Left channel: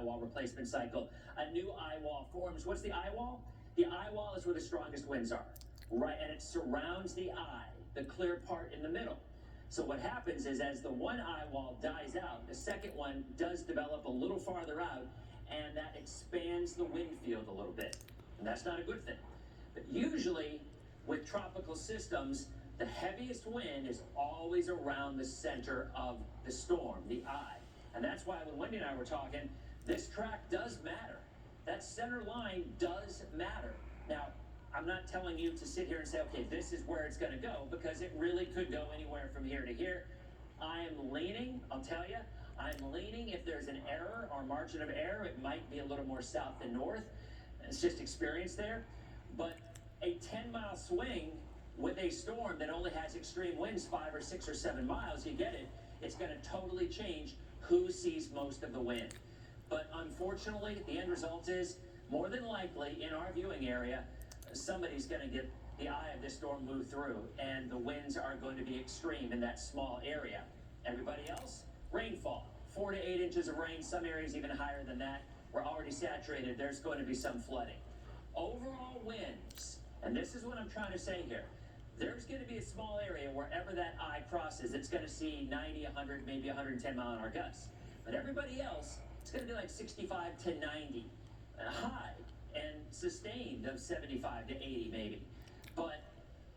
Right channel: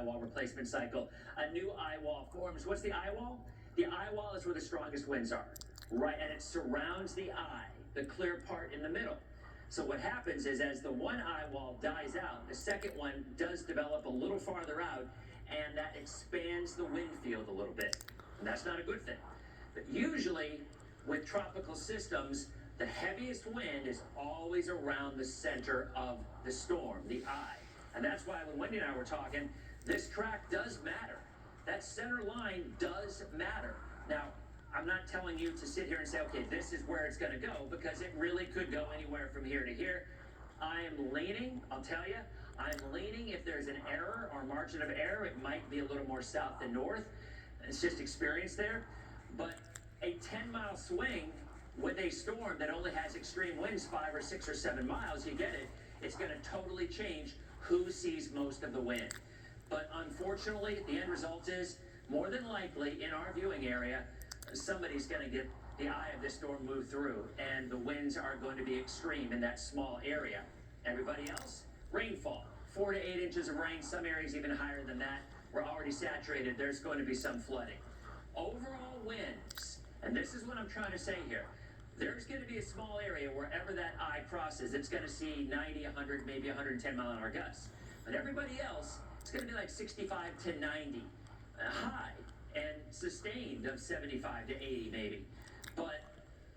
eye wall replacement cycle, a new eye wall forms. What's the eye wall? The eye wall is where the strongest winds are, right? And it surrounds the eye, the clear part in the middle. So what happens is as the one eye wall dies out, the second one does develop a little farther out, and that expands the wind field a little bit. And that's not a good thing. But usually with tropical systems, the heaviest wind is always around the center of the storm, the eye. And that's why when Wendy and I were talking, this track does matter. That center line does matter. Now, I'm not telling you to sit here and say, okay, this is where it's going to go, because it really could go anywhere from here to here. I am leaning, I'll tell you, I'm leaning if there's an error or margin of error, it might be a little more south than north. It's just experience there. But a 10-mile swing with a storm that only has extreme winds 5 or 6 or 7 miles, you get it, it's going to totally change who sees most of the wind. But unfortunately, the end result is, more than likely, in our viewing area, somebody's going to get the eye of this storm move through, and the winds are going to be extreme in that small area. Everybody else, rainfall, 4 to 8 inches of rain, some areas even higher than that. We're already saturated. There's going to be some flooding. Overall winds, and this is what I'm trying to say here, there's going to be a small area wherever that eye crosses, it's going to see 90, 100, maybe 110 mile an hour gusts. But everybody else, it's going to be like 65 to 90 high, and sustained of 75 to 80 maybe. But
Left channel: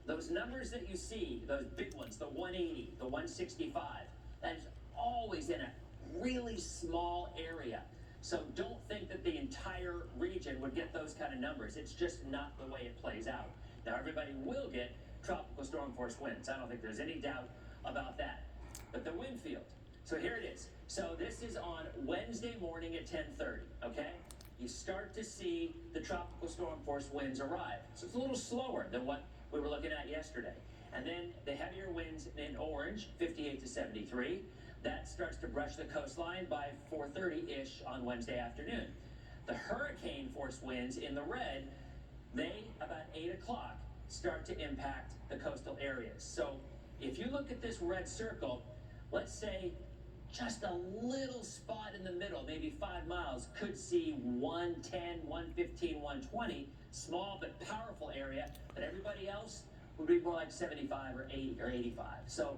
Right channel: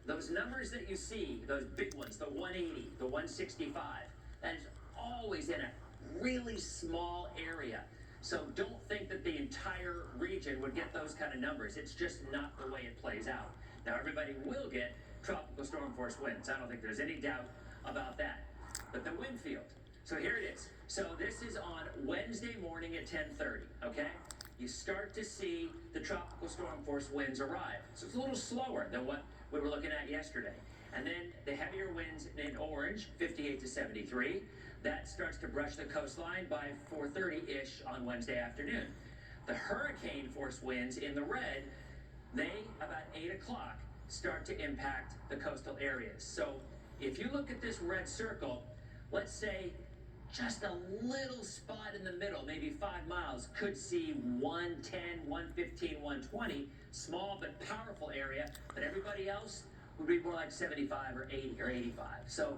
those numbers that you see, those big ones, the 180, the 165, that is always in a really small area. So don't think that the entire region would get those kind of numbers. It's just not the way it plays out. Now everybody will get tropical storm force winds. I don't think there's any doubt about that. But the wind field. So here it is. So this is on Wednesday morning at 10:30, okay? You start to see the tropical storm force winds arrive. So it's a little slower than what we were looking at yesterday. And then the heavier winds in orange, 58 to 73, that starts to brush the coastline by 4:30-ish on Wednesday afternoon. The hurricane force winds in the red, they, about 8 o'clock, start to impact the coastal areas. So if you look at this red circle, let's say just a little spot in the middle, maybe 5 miles, could see 110, 115, 120, small but powerful area, but everybody else would be more like 75 or 80 or 85. So